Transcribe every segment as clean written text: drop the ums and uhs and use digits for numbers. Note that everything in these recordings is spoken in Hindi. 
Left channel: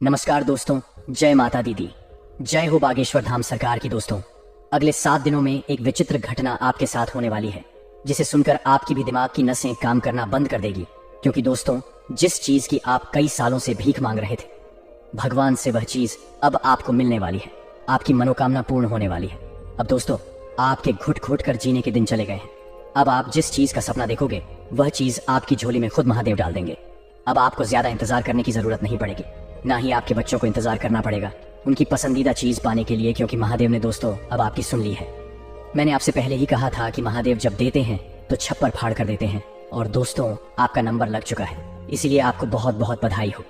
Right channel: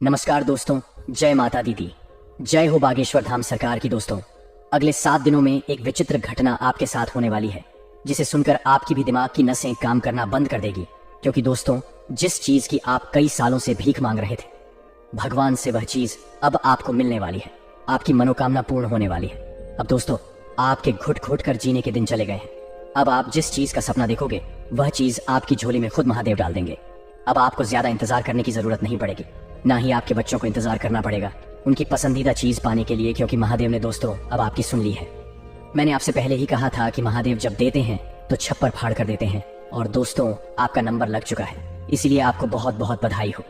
नमस्कार दोस्तों, जय माता दीदी, जय हो बागेश्वर धाम सरकार की। दोस्तों, अगले 7 दिनों में एक विचित्र घटना आपके साथ होने वाली है, जिसे सुनकर आपकी भी दिमाग की नसें काम करना बंद कर देगी। क्योंकि दोस्तों, जिस चीज की आप कई सालों से भीख मांग रहे थे, भगवान से वह चीज अब आपको मिलने वाली है। आपकी मनोकामना पूर्ण होने वाली है। अब दोस्तों, आपके घुट घुट कर जीने के दिन चले गए हैं। अब आप जिस चीज का सपना देखोगे, वह चीज आपकी झोली में खुद महादेव डाल देंगे। अब आपको ज्यादा इंतजार करने की जरूरत नहीं पड़ेगी, ना ही आपके बच्चों को इंतजार करना पड़ेगा उनकी पसंदीदा चीज पाने के लिए, क्योंकि महादेव ने दोस्तों अब आपकी सुन ली है। मैंने आपसे पहले ही कहा था कि महादेव जब देते हैं तो छप्पर फाड़ कर देते हैं, और दोस्तों आपका नंबर लग चुका है, इसीलिए आपको बहुत बहुत बधाई हो।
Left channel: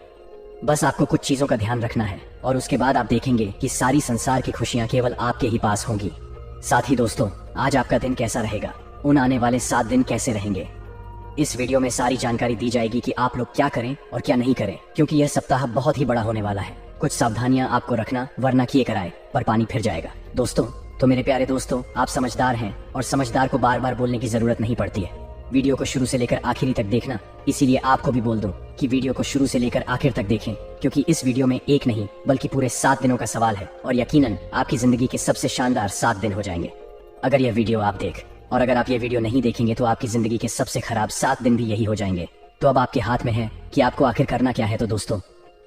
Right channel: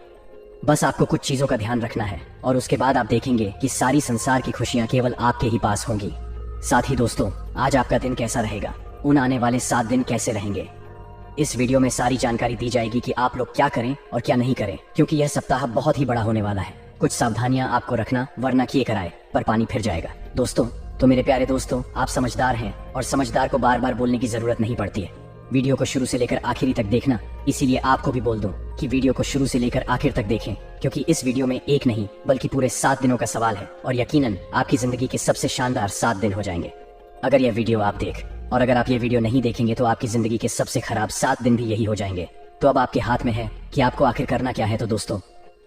बस आपको कुछ चीजों का ध्यान रखना है और उसके बाद आप देखेंगे कि सारी संसार की खुशियां केवल आपके ही पास होंगी। साथ ही दोस्तों, आज आपका दिन कैसा रहेगा, उन आने वाले 7 दिन कैसे रहेंगे, इस वीडियो में सारी जानकारी दी जाएगी कि आप लोग क्या करें और क्या नहीं करें, क्योंकि यह सप्ताह बहुत ही बड़ा होने वाला है। कुछ सावधानियां आपको रखना, वरना किए कराए पर पानी फिर जाएगा। दोस्तों, तो मेरे प्यारे दोस्तों, आप समझदार हैं और समझदार को बार बार बोलने की जरूरत नहीं पड़ती है। वीडियो को शुरू से लेकर आखिरी तक देखना, इसीलिए आपको भी बोल दूं कि वीडियो को शुरू से लेकर आखिर तक देखें, क्योंकि इस वीडियो में एक नहीं बल्कि पूरे 7 दिनों का सवाल है, और यकीनन आपकी जिंदगी के सबसे शानदार 7 दिन हो जाएंगे अगर यह वीडियो आप देख। और अगर आप ये वीडियो नहीं देखेंगे तो आपकी जिंदगी के सबसे खराब 7 दिन भी यही हो जाएंगे। तो अब आपके हाथ में है कि आपको आखिर करना क्या है। तो दोस्तों,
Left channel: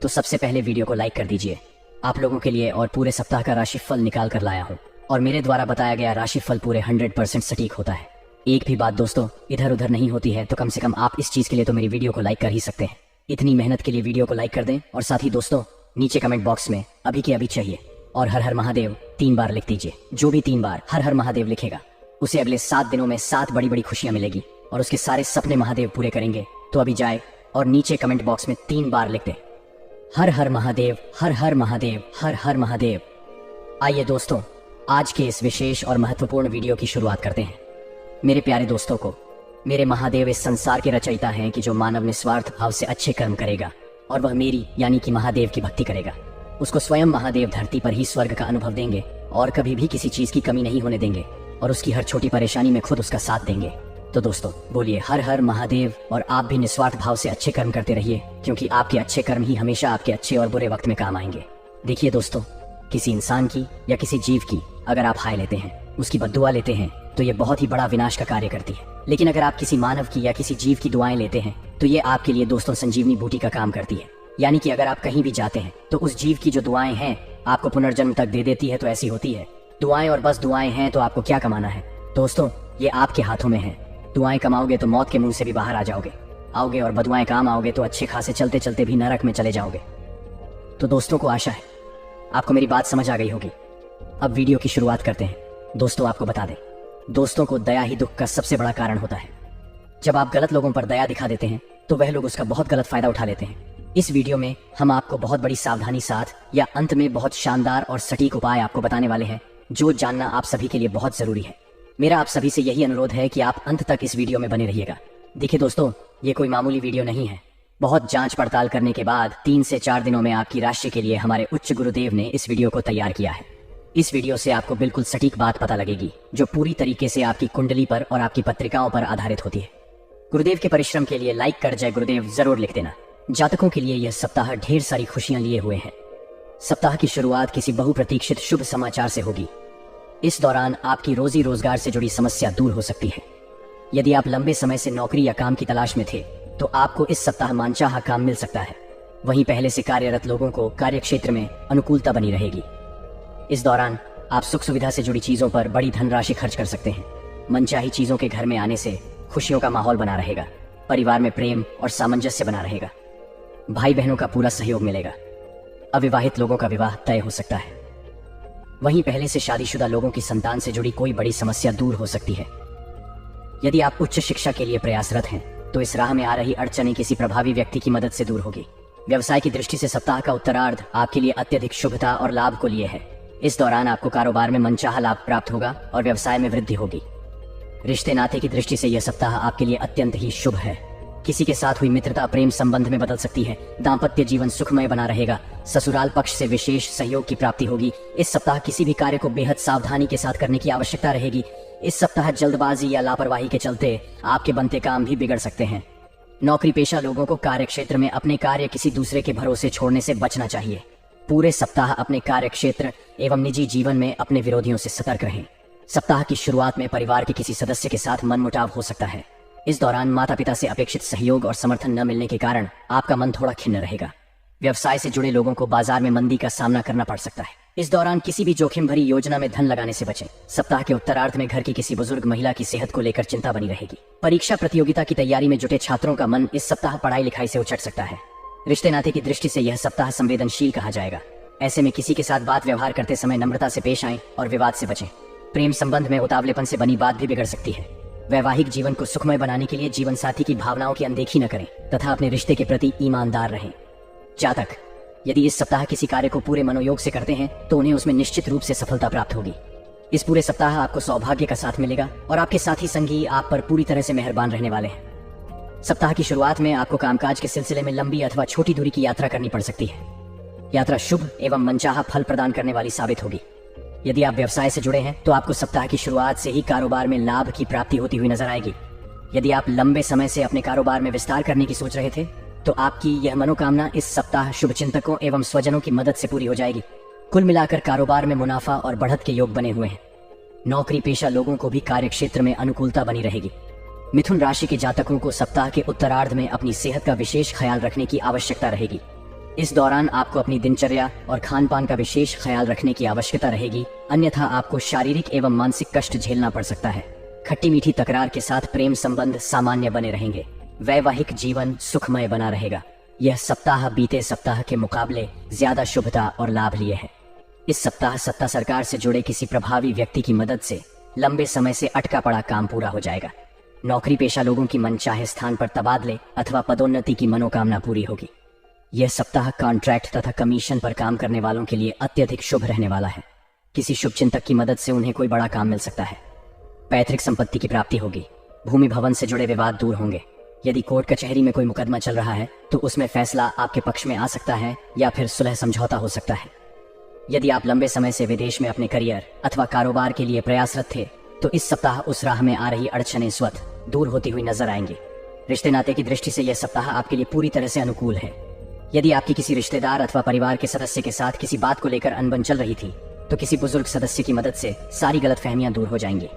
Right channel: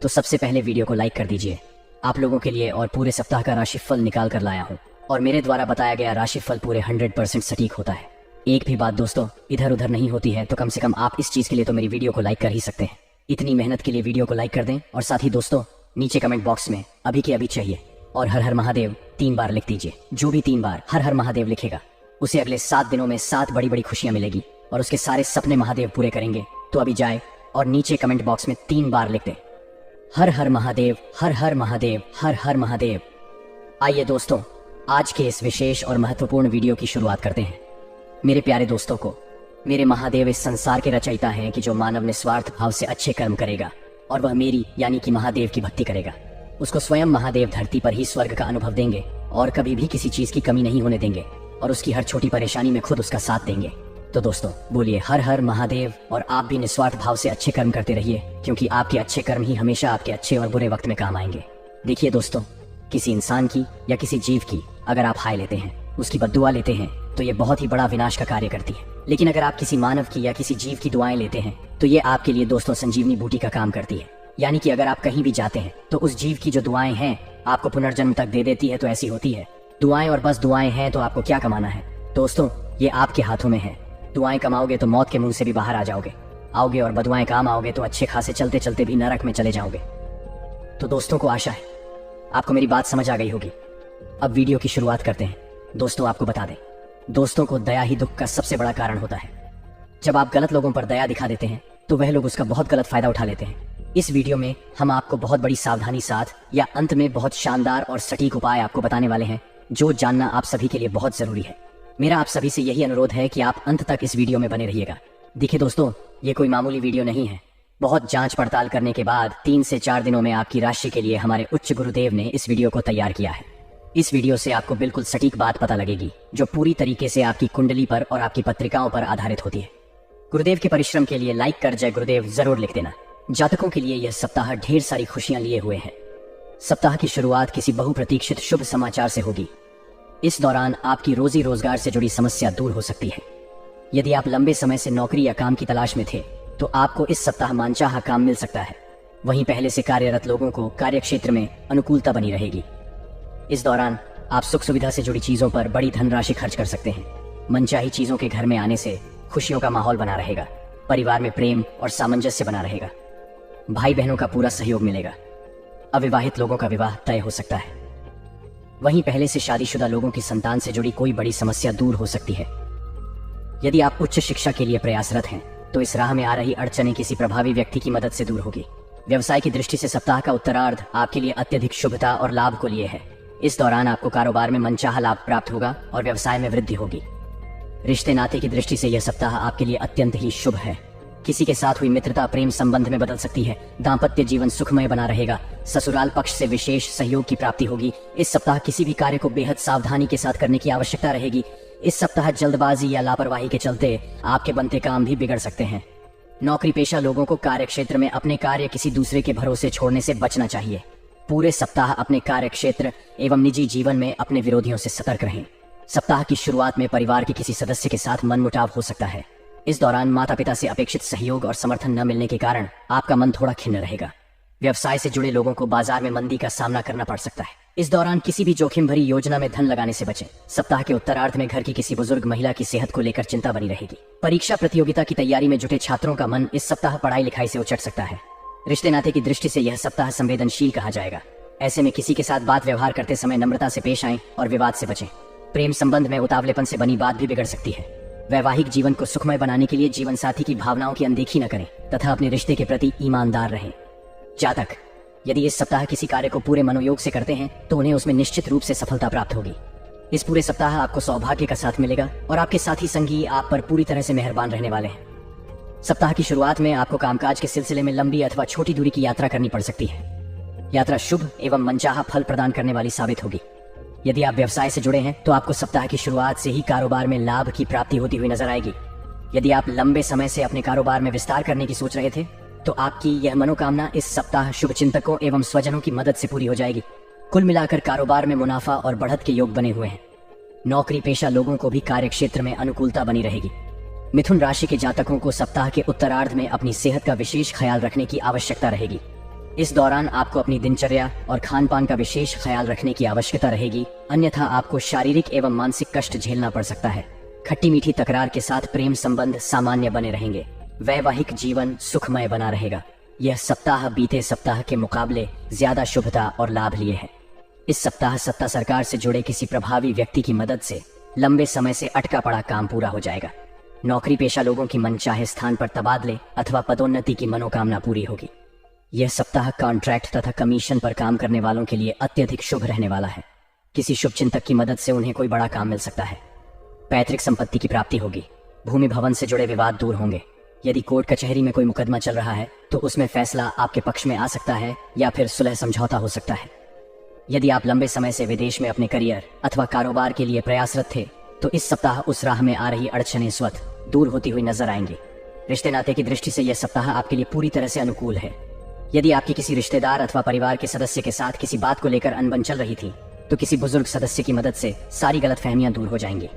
तो सबसे पहले वीडियो को लाइक कर दीजिए। आप लोगों के लिए और पूरे सप्ताह का राशिफल निकाल कर लाया हूँ, और मेरे द्वारा बताया गया राशिफल पूरे 100% सटीक होता है। एक भी बात दोस्तों इधर उधर नहीं होती है, तो कम से कम आप इस चीज के लिए तो मेरी वीडियो को लाइक कर ही सकते हैं। इतनी मेहनत के लिए वीडियो को लाइक कर दें, और साथ ही दोस्तों नीचे कमेंट बॉक्स में अभी के अभी चाहिए और हर हर महादेव 3 बार लिख दीजिए। जो भी 3 बार हर हर महादेव लिखेगा, उसे अगले 7 दिनों में 7 बड़ी बड़ी खुशियां मिलेगी और उसके सारे सपने महादेव पूरे करेंगे। तो अभी जाए और नीचे कमेंट बॉक्स में 3 बार लिख दे, हर हर महादेव, हर हर महादेव, हर हर महादेव। आइए दोस्तों, आज के इस विशेष और महत्वपूर्ण वीडियो की शुरुआत करते हैं। मेरे प्यारे दोस्तों को, मेरे महादेव इस संसार के रचयिता हैं कि जो मानव निस्वार्थ भाव से अच्छे कर्म करेगा और वह मेरी यानी कि महादेव की भक्ति करेगा, उसको स्वयं महादेव धरती पर ही स्वर्ग का अनुभव देंगे और कभी भी किसी चीज की कमी नहीं होने देंगे, और उसकी हर छोटी परेशानी में खुद उसका साथ देंगे। तो दोस्तों बोलिए हर हर महादेव, और आप भी निस्वार्थ भाव से अच्छे कर्म करते रहिए, क्योंकि आपके अच्छे कर्म ही हमेशा आपके अच्छे और बुरे वक्त में काम आएंगे। देखिए दोस्तों, किसी इंसान की या किसी जीव की अगर आप हाय लेते हैं, उसकी बद्दुआ लेते हैं, तो ये बहुत ही बड़ा विनाश का कार्य करती है। लेकिन अगर आप किसी मानव की या किसी जीव की दुआएं लेते हैं, तो ये आपके लिए दोस्तों संजीवनी बूटी का काम करती है। यानी कि अगर आप कहीं भी जाते हैं तो उस जीव की जो दुआएं हैं आपको पुनर्जन्म तक दे देती है। तो ऐसी होती है दुआएं, और बस दुआएं हैं तो आपको क्या कमाना है दोस्तों, ये आपके हाथों में है। दुआएं कमाओगे तो मौत के मुंह से भी बाहर आ जाओगे, और बदुआएं काम आओगे तो अच्छे खासे चलते चलते भी नरक में चले जाओगे। तो दोस्तों को आशा है आपको मेरी बात समझ आ गई होगी। अब वीडियो की शुरुआत करते हैं। दोस्तों आपको बता दें, दोस्तों को दया ही दुख का सबसे बड़ा कारण होता है। जब आप गलत लोगों पर दया दिखा देते हैं तो वह लोग उसका बहुत गलत फायदा उठा लेते हैं। इस वीडियो में हम आपको बहुत बड़ी सावधानी साथ या अंत में बहुत शानदार और सटीक उपाय आपको बताने वाले हैं, जो जानना आप सभी के लिए बहुत जरूरी है। मेरा आप सभी से यही अनुरोध है कि आप अंत तक इस वीडियो में बने रहिएगा। देखिए दोस्तों, ये कोई मामूली वीडियो नहीं है। बहुत जांच पड़ताल करने के बाद 3 से 4 दिनों में आपकी राशि के लिए हमारे उच्च गुरुदेव ने इस वीडियो को तैयार किया है। इस वीडियो से आपको बिल्कुल सटीक बात पता लगेगी, जो पूरी तरीके से आपकी कुंडली पर और आपकी पत्रिकाओं पर आधारित होती है। गुरुदेव के परिश्रम के लिए लाइक कर जय गुरुदेव जरूर लिख देना। जातकों के लिए यह सप्ताह ढेर सारी खुशियां लिए हुए हैं। सप्ताह की शुरुआत किसी बहुप्रतीक्षित शुभ समाचार से होगी। इस दौरान आपकी रोजी रोजगार से जुड़ी समस्या दूर हो सकती है। यदि आप लंबे समय से नौकरी या काम की तलाश में थे, तो आपको इस सप्ताह मानचाहा काम मिल सकता है। वहीं पहले से कार्यरत लोगों को कार्यक्षेत्र में अनुकूलता बनी रहेगी। इस दौरान आप सुख सुविधा से जुड़ी चीजों पर बड़ी धनराशि खर्च कर सकते हैं। मनचाही चीजों के घर में आने से खुशियों का माहौल बना रहेगा। परिवार में प्रेम और सामंजस्य बना रहेगा। भाई बहनों का पूरा सहयोग मिलेगा। अविवाहित लोगों का विवाह तय हो सकता है। वहीं पहले से शादीशुदा लोगों की संतान से जुड़ी कोई बड़ी समस्या दूर हो सकती है। यदि आप उच्च शिक्षा के लिए प्रयासरत हैं, तो इस राह में आ रही अड़चनें किसी प्रभावी व्यक्ति की मदद से दूर होगी। व्यवसाय की दृष्टि से सप्ताह का उत्तरार्ध आपके लिए अत्यधिक शुभता और लाभ को लिए है। इस दौरान आपको कारोबार में मनचाहा लाभ प्राप्त होगा और व्यवसाय में वृद्धि होगी। रिश्ते नाते की दृष्टि से यह सप्ताह आपके लिए अत्यंत ही शुभ है। किसी के साथ हुई मित्रता प्रेम संबंध में बदल सकती है। दाम्पत्य जीवन सुखमय बना रहेगा। ससुराल पक्ष से विशेष सहयोग की प्राप्ति होगी। इस सप्ताह किसी भी कार्य को बेहद सावधानी के साथ करने की आवश्यकता रहेगी। इस सप्ताह जल्दबाजी या लापरवाही के चलते आपके बनते काम भी बिगड़ सकते हैं। नौकरी पेशा लोगों को कार्य क्षेत्र में अपने कार्य किसी दूसरे के भरोसे छोड़ने से बचना चाहिए। पूरे सप्ताह अपने कार्य क्षेत्र एवं निजी जीवन में अपने विरोधियों से सतर्क रहें। सप्ताह की शुरुआत में परिवार के किसी सदस्य के साथ मनमुटाव हो सकता है। इस दौरान माता पिता से अपेक्षित सहयोग और समर्थन न मिलने के कारण आपका मन थोड़ा खिन्न रहेगा। व्यवसाय से जुड़े लोगों को बाजार में मंदी का सामना करना पड़ सकता है। इस दौरान किसी भी जोखिम भरी योजना में धन लगाने से बचें। सप्ताह के उत्तरार्ध में घर की किसी बुजुर्ग महिला की सेहत को लेकर चिंता बनी रहेगी। परीक्षा प्रतियोगिता की तैयारी में जुटे छात्रों का मन इस सप्ताह पढ़ाई लिखाई से उचट सकता है। रिश्ते नाते की दृष्टि से यह सप्ताह संवेदनशील कहा जाएगा। ऐसे में किसी के साथ बात व्यवहार करते समय नम्रता से पेश आएं और विवाद से बचें। प्रेम संबंध में उतावलेपन से बनी बात भी बिगड़ सकती है। वैवाहिक जीवन को सुखमय बनाने के लिए जीवन साथी की भावनाओं की अनदेखी न करें तथा अपने रिश्ते के प्रति ईमानदार रहें। जातक, यदि इस सप्ताह किसी कार्य को पूरे मनोयोग से करते हैं तो उन्हें उसमें निश्चित रूप से सफलता प्राप्त होगी। इस पूरे सप्ताह आपको सौभाग्य का साथ मिलेगा और आपके साथी संगी आप पर पूरी तरह से मेहरबान रहने वाले हैं। सप्ताह की शुरुआत में आपको कामकाज के सिलसिले में लंबी अथवा छोटी दूरी की यात्रा करनी पड़ सकती है। यात्रा शुभ एवं मनचाहा फल प्रदान करने वाली साबित होगी। यदि आप व्यवसाय से जुड़े हैं तो आपको सप्ताह की शुरुआत से ही कारोबार में लाभ की प्राप्ति होती हुई नजर आएगी। यदि आप लंबे समय से अपने कारोबार में विस्तार करने की सोच रहे थे तो आपकी यह मनोकामना इस सप्ताह शुभचिंतकों एवं स्वजनों की मदद से पूरी हो जाएगी। कुल मिलाकर कारोबार में मुनाफा और बढ़त के योग बने हुए हैं। नौकरी पेशा लोगों को भी कार्य क्षेत्र में अनुकूलता बनी रहेगी। मिथुन राशि के जातकों को सप्ताह के उत्तरार्ध में अपनी सेहत का विशेष ख्याल रखने की आवश्यकता रहेगी। इस दौरान आपको अपनी दिनचर्या और खान पान का विशेष ख्याल रखने की आवश्यकता रहेगी, अन्यथा आपको शारीरिक एवं मानसिक कष्ट झेलना पड़ सकता है। खट्टी मीठी तकरार के साथ प्रेम संबंध सामान्य बने रहेंगे। वैवाहिक जीवन सुखमय बना रहेगा। यह सप्ताह बीते सप्ताह के मुकाबले ज्यादा शुभता और लाभ लिए है। इस सप्ताह सत्ता सरकार से जुड़े किसी प्रभावी व्यक्ति की मदद से लंबे समय से अटका पड़ा काम पूरा हो जाएगा। नौकरी पेशा लोगों की मनचाहे स्थान पर तबादले अथवा पदोन्नति की मनोकामना पूरी होगी। यह सप्ताह कॉन्ट्रैक्ट तथा कमीशन पर काम करने वालों के लिए अत्यधिक शुभ रहने वाला है। किसी शुभ चिंतक की मदद से उन्हें कोई बड़ा काम मिल सकता है। पैतृक संपत्ति की प्राप्ति होगी। भूमि भवन से जुड़े विवाद दूर होंगे। यदि कोर्ट कचहरी में कोई मुकदमा चल रहा है तो उसमें फैसला आपके पक्ष में आ सकता है या फिर सुलह समझौता हो सकता है। यदि आप लंबे समय से विदेश में अपने करियर अथवा कारोबार के लिए प्रयासरत थे तो इस सप्ताह उस राह में आ रही अड़चनें स्वतः दूर होती हुई नजर आएंगी। रिश्ते नाते की दृष्टि से यह सप्ताह आपके लिए पूरी तरह से अनुकूल है। यदि आपके किसी रिश्तेदार अथवा परिवार के सदस्य के साथ किसी बात को लेकर अनबन चल रही थी तो किसी बुजुर्ग सदस्य की मदद से सारी गलतफहमियां दूर हो जाएंगी।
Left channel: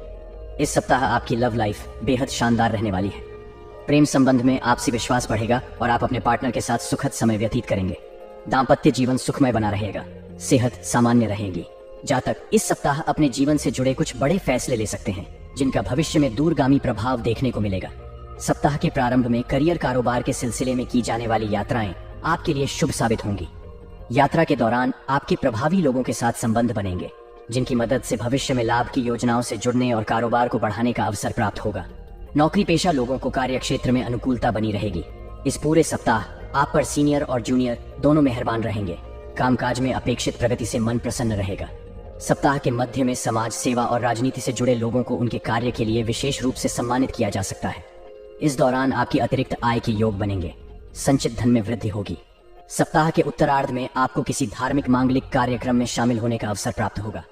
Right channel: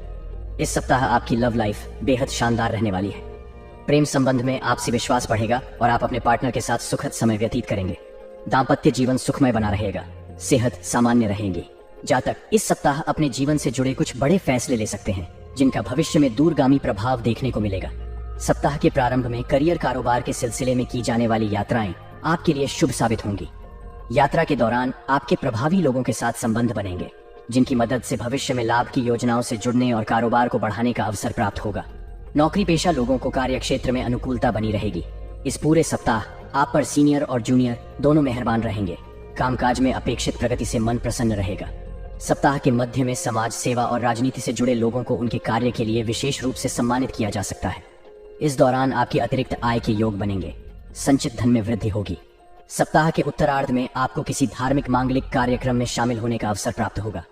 इस सप्ताह आपकी लव लाइफ बेहद शानदार रहने वाली है। प्रेम संबंध में आपसी विश्वास बढ़ेगा और आप अपने पार्टनर के साथ सुखद समय व्यतीत करेंगे। दाम्पत्य जीवन सुखमय बना रहेगा। सेहत सामान्य रहेगी। जातक, इस सप्ताह अपने जीवन से जुड़े कुछ बड़े फैसले ले सकते हैं जिनका भविष्य में दूरगामी प्रभाव देखने को मिलेगा। सप्ताह के प्रारंभ में करियर कारोबार के सिलसिले में की जाने वाली यात्राएं आपके लिए शुभ साबित होंगी। यात्रा के दौरान आपके प्रभावी लोगों के साथ संबंध बनेंगे जिनकी मदद से भविष्य में लाभ की योजनाओं से जुड़ने और कारोबार को बढ़ाने का अवसर प्राप्त होगा। नौकरी पेशा लोगों को कार्य क्षेत्र में अनुकूलता बनी रहेगी। इस पूरे सप्ताह आप पर सीनियर और जूनियर दोनों मेहरबान रहेंगे। कामकाज में अपेक्षित प्रगति से मन प्रसन्न रहेगा। सप्ताह के मध्य में समाज सेवा और राजनीति से जुड़े लोगों को उनके कार्य के लिए विशेष रूप से सम्मानित किया जा सकता है। इस दौरान आपकी अतिरिक्त आय के योग बनेंगे। संचित धन में वृद्धि होगी। सप्ताह के उत्तरार्ध में आपको किसी धार्मिक मांगलिक कार्यक्रम में शामिल होने का अवसर प्राप्त होगा।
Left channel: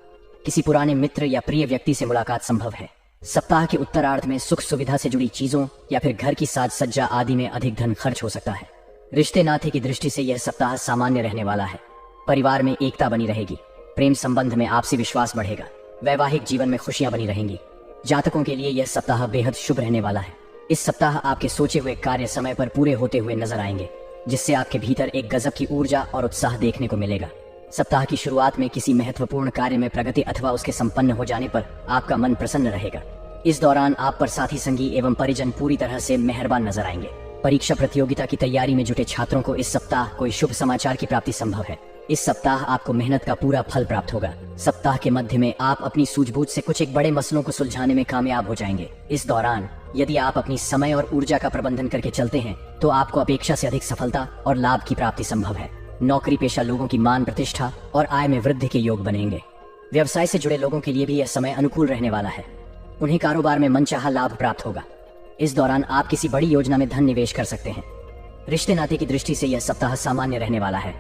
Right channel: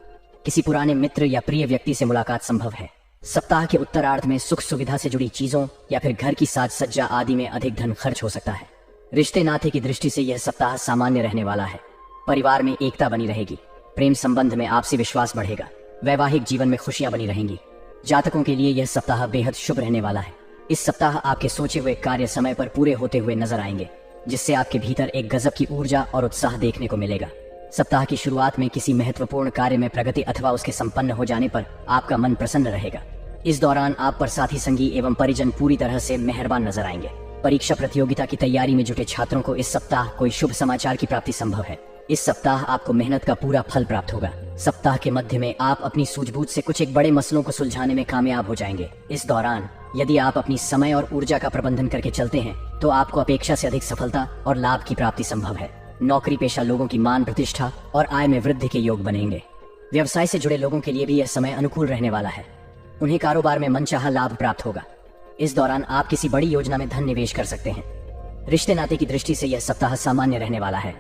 किसी पुराने मित्र या प्रिय व्यक्ति से मुलाकात संभव है। सप्ताह के उत्तरार्ध में सुख सुविधा से जुड़ी चीजों या फिर घर की साज सज्जा आदि में अधिक धन खर्च हो सकता है। रिश्ते नाते की दृष्टि से यह सप्ताह सामान्य रहने वाला है। परिवार में एकता बनी रहेगी। प्रेम संबंध में आपसी विश्वास बढ़ेगा। वैवाहिक जीवन में खुशियां बनी रहेंगी। जातकों के लिए यह सप्ताह बेहद शुभ रहने वाला है। इस सप्ताह आपके सोचे हुए कार्य समय पर पूरे होते हुए नजर आएंगे, जिससे आपके भीतर एक गजब की ऊर्जा और उत्साह देखने को मिलेगा। सप्ताह की शुरुआत में किसी महत्वपूर्ण कार्य में प्रगति अथवा उसके संपन्न हो जाने पर आपका मन प्रसन्न रहेगा। इस दौरान आप पर साथी संगी एवं परिजन पूरी तरह से मेहरबान नजर आएंगे। परीक्षा प्रतियोगिता की तैयारी में जुटे छात्रों को इस सप्ताह कोई शुभ समाचार की प्राप्ति संभव है। इस सप्ताह आपको मेहनत का पूरा फल प्राप्त होगा। सप्ताह के मध्य में आप अपनी सूझबूझ से कुछ एक बड़े मसलों को सुलझाने में कामयाब हो जाएंगे। इस दौरान यदि आप अपनी समय और ऊर्जा का प्रबंधन करके चलते हैं तो आपको अपेक्षा से अधिक सफलता और लाभ की प्राप्ति संभव है। नौकरी पेशा लोगों की मान प्रतिष्ठा और आय में वृद्धि के योग बनेंगे। व्यवसाय से जुड़े लोगों के लिए भी यह समय अनुकूल रहने वाला है। उन्हें कारोबार में मनचाहा लाभ प्राप्त होगा। इस दौरान आप किसी बड़ी योजना में धन निवेश कर सकते हैं। रिश्ते नाते की दृष्टि से यह सप्ताह सामान्य रहने वाला है।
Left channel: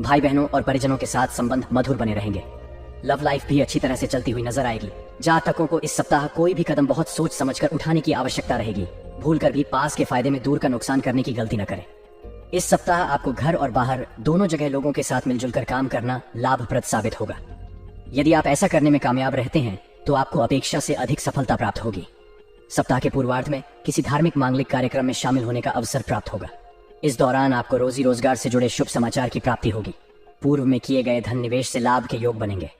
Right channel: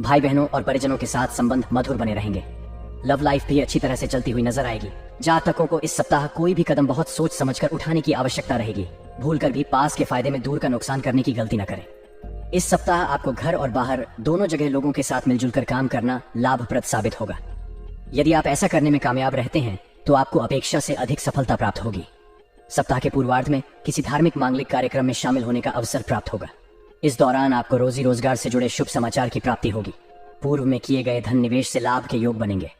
भाई बहनों और परिजनों के साथ संबंध मधुर बने रहेंगे। लव लाइफ भी अच्छी तरह से चलती हुई नजर आएगी। जातकों को इस सप्ताह कोई भी कदम बहुत सोच समझकर उठाने की आवश्यकता रहेगी। भूलकर भी पास के फायदे में दूर का नुकसान करने की गलती न करें। इस सप्ताह आपको घर और बाहर दोनों जगह लोगों के साथ मिलजुल कर काम करना लाभप्रद साबित होगा। यदि आप ऐसा करने में कामयाब रहते हैं तो आपको अपेक्षा से अधिक सफलता प्राप्त होगी। सप्ताह के पूर्वार्ध में किसी धार्मिक मांगलिक कार्यक्रम में शामिल होने का अवसर प्राप्त होगा। इस दौरान आपको रोजी रोजगार से जुड़े शुभ समाचार की प्राप्ति होगी। पूर्व में किए गए धन निवेश से लाभ के योग बनेंगे।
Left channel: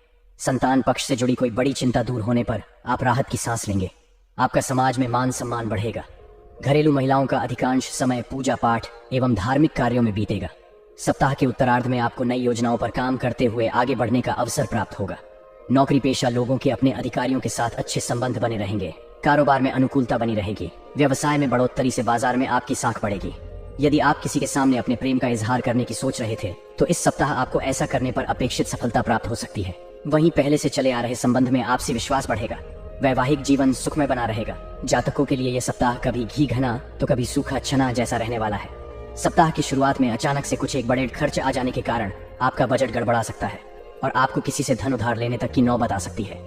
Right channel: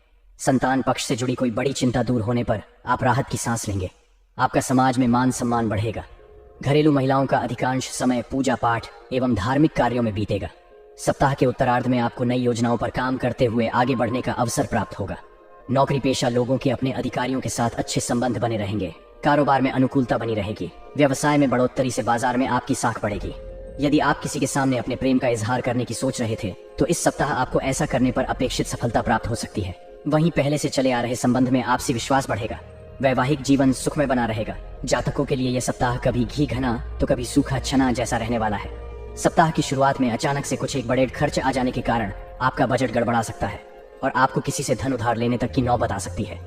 संतान पक्ष से जुड़ी कोई बड़ी चिंता दूर होने पर आप राहत की सांस लेंगे। आपका समाज में मान सम्मान बढ़ेगा। घरेलू महिलाओं का अधिकांश समय पूजा पाठ एवं धार्मिक कार्यों में बीतेगा। सप्ताह के उत्तरार्ध में आपको नई योजनाओं पर काम करते हुए आगे बढ़ने का अवसर प्राप्त होगा। नौकरी पेशा लोगों के अपने अधिकारियों के साथ अच्छे संबंध बने रहेंगे। कारोबार में अनुकूलता बनी रहेगी। व्यवसाय में बढ़ोतरी से बाजार में आपकी साख बढ़ेगी। यदि आप किसी के सामने अपने प्रेम का इजहार करने की सोच रहे थे तो इस सप्ताह आपको ऐसा करने पर अपेक्षित सफलता प्राप्त हो सकती है। वहीं पहले से चले आ रहे संबंध में आपसी विश्वास बढ़ेगा। वैवाहिक जीवन सुखमय बना रहेगा। जातकों के लिए यह सप्ताह कभी घी घना तो कभी सूखा चना जैसा रहने वाला है। सप्ताह की शुरुआत में अचानक से कुछ एक बड़े खर्च आ जाने के कारण आपका बजट गड़बड़ा सकता है और आपको किसी से धन उधार लेने तक की नौबत आ सकती है।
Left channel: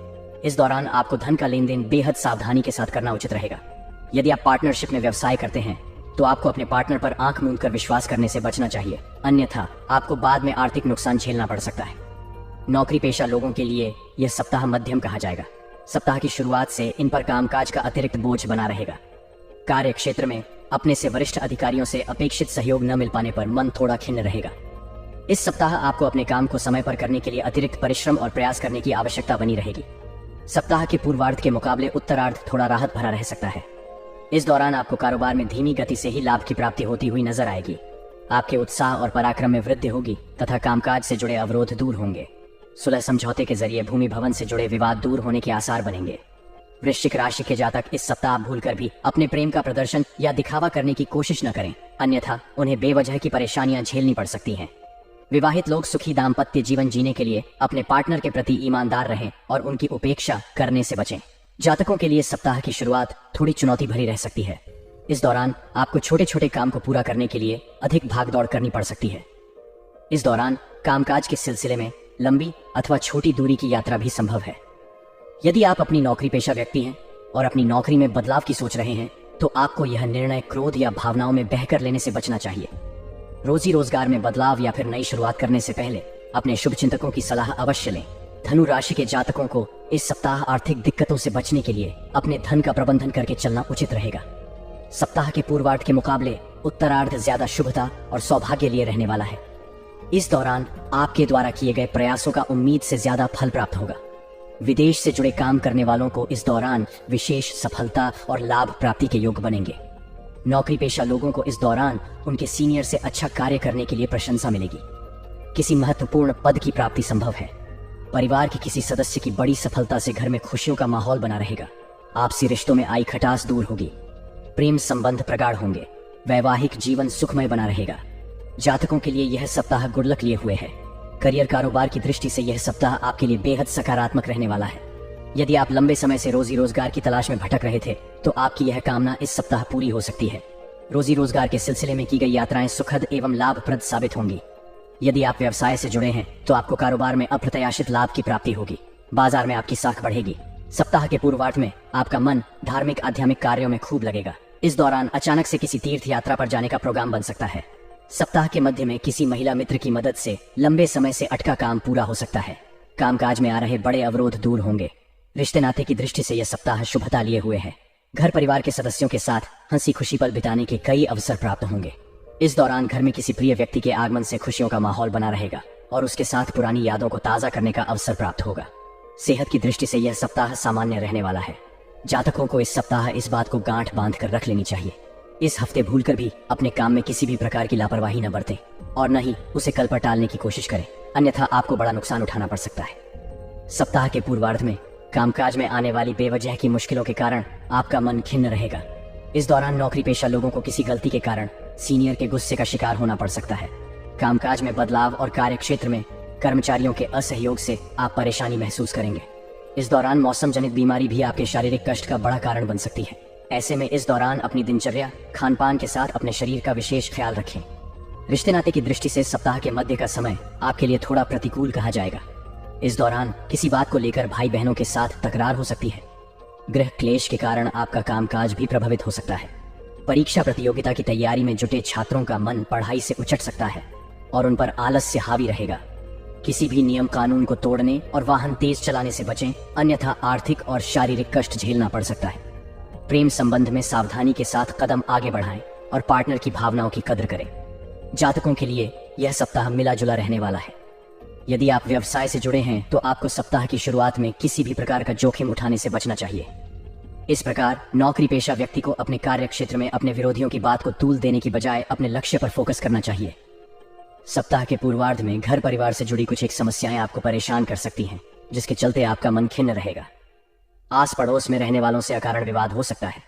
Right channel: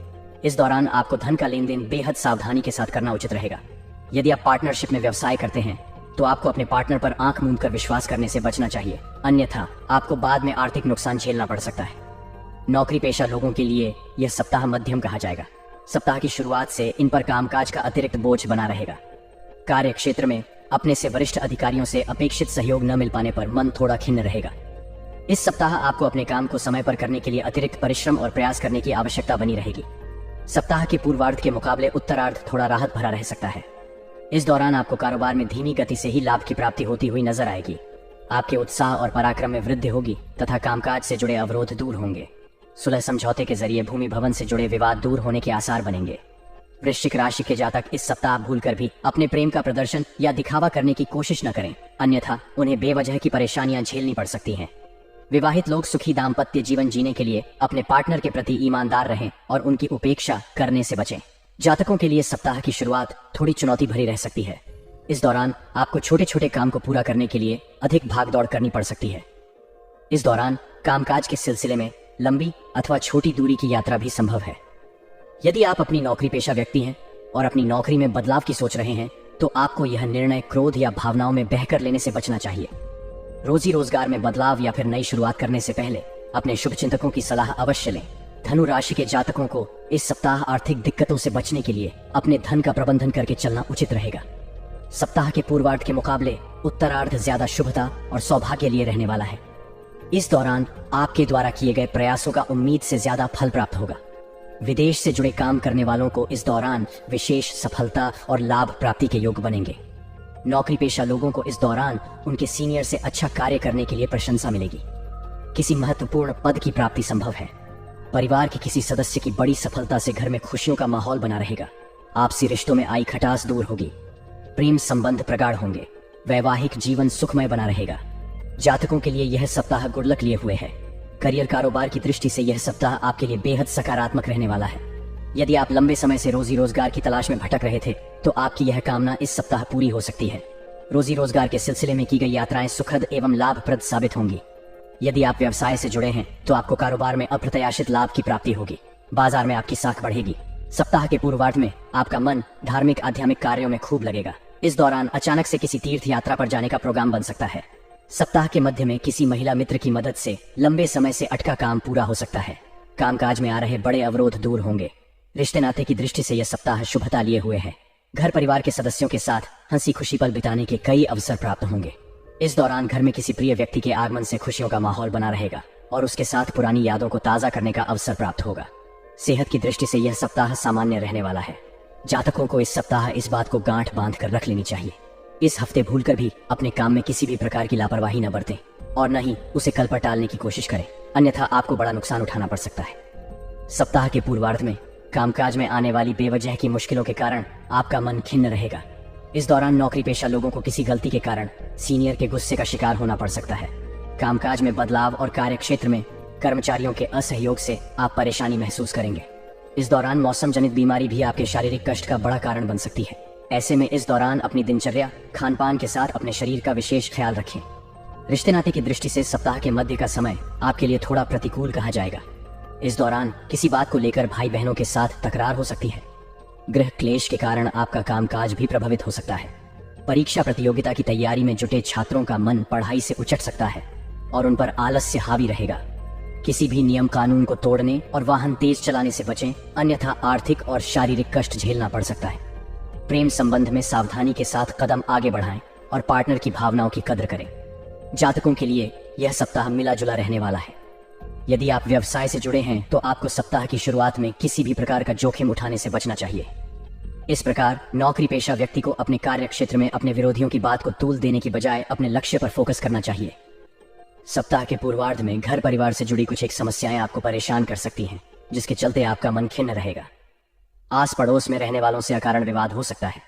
इस दौरान आपको धन का लेन देन बेहद सावधानी के साथ करना उचित रहेगा। यदि आप पार्टनरशिप में व्यवसाय करते हैं तो आपको अपने पार्टनर पर आंख मूंद कर विश्वास करने से बचना चाहिए, अन्यथा आपको बाद में आर्थिक नुकसान झेलना पड़ सकता है। नौकरी पेशा लोगों के लिए यह सप्ताह मध्यम कहा जाएगा। सप्ताह की शुरुआत से इन पर कामकाज का अतिरिक्त बोझ बना रहेगा। कार्य क्षेत्र में अपने से वरिष्ठ अधिकारियों से अपेक्षित सहयोग न मिल पाने पर मन थोड़ा खिन्न रहेगा। इस सप्ताह आपको अपने काम को समय पर करने के लिए अतिरिक्त परिश्रम और प्रयास करने की आवश्यकता बनी रहेगी। सप्ताह के पूर्वार्ध के मुकाबले उत्तरार्ध थोड़ा राहत भरा रह सकता है। इस दौरान आपको कारोबार में धीमी गति से ही लाभ की प्राप्ति होती हुई नजर आएगी। आपके उत्साह और पराक्रम में वृद्धि होगी तथा कामकाज से जुड़े अवरोध दूर होंगे। सुलह समझौते के जरिए भूमि भवन से जुड़े विवाद दूर होने के आसार बनेंगे। वृश्चिक राशि के जातक इस सप्ताह भूलकर भी अपने प्रेम का प्रदर्शन या दिखावा करने की कोशिश न करें, अन्यथा उन्हें बेवजह की परेशानियां झेलनी पड़ सकती हैं। विवाहित लोग सुखी दाम्पत्य जीवन जीने के लिए अपने पार्टनर के प्रति ईमानदार रहें और उनकी उपेक्षा करने से बचें। जातकों के लिए सप्ताह की शुरुआत थोड़ी चुनौती भरी रह सकती है। इस दौरान आपको छोटे छोटे काम को पूरा करने के लिए अधिक भागदौड़ करनी पड़ सकती है। इस दौरान कामकाज के सिलसिले में लंबी अथवा छोटी दूरी की यात्रा भी संभव है। यदि आप अपनी नौकरी पेशा व्यक्ति हैं और अपनी नौकरी में बदलाव की सोच रहे हैं तो आपको यह निर्णय क्रोध या भावनाओं में बहकर लेने से बचना चाहिए। रोजी रोजगार में बदलाव या फिर नई शुरुआत करने से पहले अपने शुभ चिंतकों की सलाह अवश्य लें। धनु राशि के जातकों को इस सप्ताह आर्थिक दिक्कतों से बचने के लिए अपने धन का प्रबंधन करके चलना उचित रहेगा। सप्ताह के पूर्वार्ध के मुकाबले उत्तरार्ध ज्यादा शुभता और सौभाग्य लिए रहने वाला है। इस दौरान आपके द्वारा किए गए प्रयासों का उम्मीद से ज्यादा फल प्राप्त होगा। विदेश से जुड़े काम करने वालों को इस दौरान विशेष सफलता और लाभ प्राप्ति के योग बनेंगे। नौकरी पेशा लोगों को इस दौरान उनके सीनियर से अच्छा कार्य करने के लिए प्रशंसा मिलेगी। किसी महत्वपूर्ण पद की प्राप्ति संभव है। परिवार के किसी सदस्य की बड़ी सफलता से घर में खुशियों का माहौल बना रहेगा। आपसी रिश्तों में आई खटास दूर होगी। प्रेम संबंध प्रगाढ़ होंगे। वैवाहिक जीवन सुखमय बना रहेगा। जातकों के लिए यह सप्ताह गुड लक लिए हुए है। करियर कारोबार की दृष्टि से यह सप्ताह आपके लिए बेहद सकारात्मक रहने वाला है। यदि आप लंबे समय से रोजी रोजगार की तलाश में भटक रहे थे तो आपकी यह कामना इस सप्ताह पूरी हो सकती है। रोजी रोजगार के सिलसिले में की गई यात्राएं सुखद एवं लाभप्रद साबित होंगी। यदि आप व्यवसाय से जुड़े हैं तो आपको कारोबार में अप्रत्याशित लाभ की प्राप्ति होगी। बाजार में आपकी साख बढ़ेगी। सप्ताह के पूर्वार्ध में आपका मन धार्मिक आध्यात्मिक कार्यों में खूब लगेगा। इस दौरान अचानक से किसी तीर्थ यात्रा पर जाने का प्रोग्राम बन सकता है। सप्ताह के मध्य में किसी महिला मित्र की मदद से लंबे समय से अटका काम पूरा हो सकता है। कामकाज में आ रहे बड़े अवरोध दूर होंगे। रिश्ते नाते की दृष्टि से यह सप्ताह शुभता लिए हुए है। घर परिवार के सदस्यों के साथ हंसी खुशी पल बिताने के कई अवसर प्राप्त होंगे। इस दौरान घर में किसी प्रिय व्यक्ति के आगमन से खुशियों का माहौल बना रहेगा और उसके साथ पुरानी यादों को ताजा करने का अवसर प्राप्त होगा। सेहत की दृष्टि से यह सप्ताह सामान्य रहने वाला है। जातकों को इस सप्ताह इस बात को गांठ बांध कर रख लेनी चाहिए। इस हफ्ते भूलकर भी अपने काम में किसी भी प्रकार की लापरवाही न बरतें और न ही उसे कल पर टालने की कोशिश करें, अन्यथा आपको बड़ा नुकसान उठाना पड़ सकता है। सप्ताह के पूर्वार्ध में कामकाज में आने वाली बेवजह की मुश्किलों के कारण आपका मन खिन्न रहेगा। इस दौरान नौकरी पेशा लोगों को किसी गलती के कारण सीनियर के गुस्से का शिकार होना पड़ सकता है। कामकाज में बदलाव और कार्य क्षेत्र में कर्मचारियों के असहयोग से आप परेशानी महसूस करेंगे। इस दौरान मौसम जनित बीमारी भी आपके शारीरिक कष्ट का बड़ा कारण बन सकती है। ऐसे में इस दौरान अपनी दिनचर्या खान पान के साथ अपने शरीर का विशेष ख्याल रखें। रिश्ते नाते की दृष्टि से सप्ताह के मध्य का समय आपके लिए थोड़ा प्रतिकूल कहा जाएगा। इस दौरान किसी बात को लेकर भाई बहनों के साथ तकरार हो सकती है। गृह क्लेश के कारण आपका कामकाज भी प्रभावित हो सकता है। परीक्षा प्रतियोगिता की तैयारी में जुटे छात्रों का मन पढ़ाई से उचट सकता है और उन पर आलस्य हावी रहेगा। किसी भी नियम कानून को तोड़ने और वाहन तेज चलाने से बचें, अन्यथा आर्थिक और शारीरिक कष्ट झेलना पड़ सकता है। प्रेम संबंध में सावधानी के साथ कदम आगे बढ़ाएं और पार्टनर की भावनाओं की कद्र करें। जातकों के लिए यह सप्ताह मिला जुला रहने वाला है। यदि आप व्यवसाय से जुड़े हैं तो आपको सप्ताह की शुरुआत में किसी भी प्रकार का जोखिम उठाने से बचना चाहिए। इस प्रकार नौकरी पेशा व्यक्ति को अपने कार्य क्षेत्र में अपने विरोधियों की बात को तूल देने की बजाय अपने लक्ष्य पर फोकस करना चाहिए। सप्ताह के पूर्वार्ध में घर परिवार से जुड़ी कुछ एक समस्याएं आपको परेशान कर सकती हैं, जिसके चलते आपका मन खिन्न रहेगा। आस पड़ोस में रहने वालों से अकारण विवाद हो सकता है।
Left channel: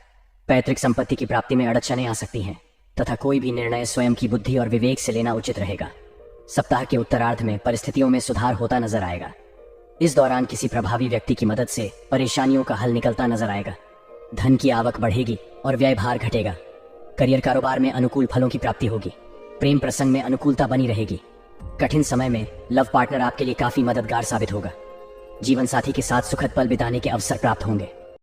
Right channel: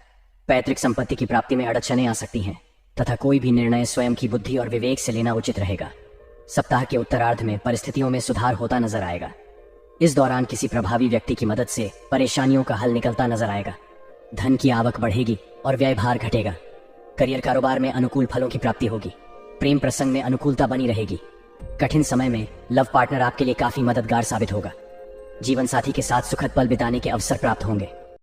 पैतृक संपत्ति की प्राप्ति में अड़चनें आ सकती हैं तथा कोई भी निर्णय स्वयं की बुद्धि और विवेक से लेना उचित रहेगा। सप्ताह के उत्तरार्ध में परिस्थितियों में सुधार होता नजर आएगा। इस दौरान किसी प्रभावी व्यक्ति की मदद से परेशानियों का हल निकलता नजर आएगा। धन की आवक बढ़ेगी और व्यय भार घटेगा। करियर कारोबार में अनुकूल फलों की प्राप्ति होगी। प्रेम प्रसंग में अनुकूलता बनी रहेगी। कठिन समय में लव पार्टनर आपके लिए काफी मददगार साबित होगा। जीवन साथी के साथ सुखद पल बिताने के अवसर प्राप्त होंगे।